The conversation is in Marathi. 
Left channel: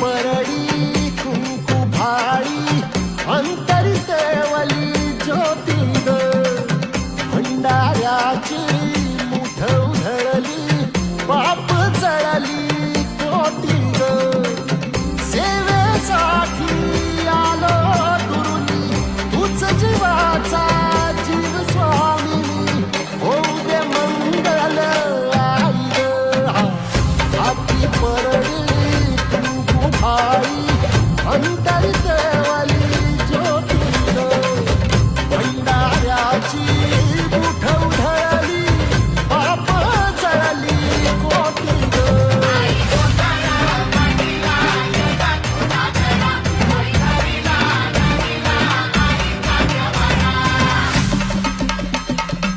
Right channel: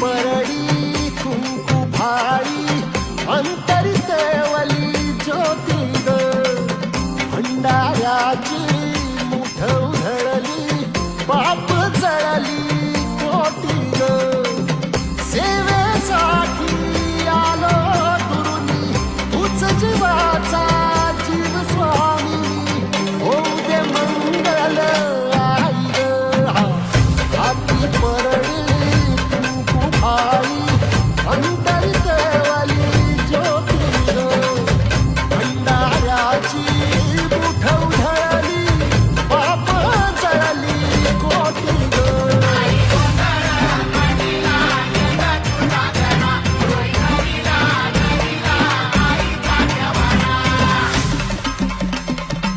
परडी कुंकू भाळी अंतरी तेवली ज्योती ग भंडाऱ्याची मुठ उधळली पाप जळली कोटी ग सेवेसाठी आलो दुरुनी तूच जीवाचा जीव स्वामी होऊ दे मंगल आई ग आपली परडी कुंकू भाई अंतरी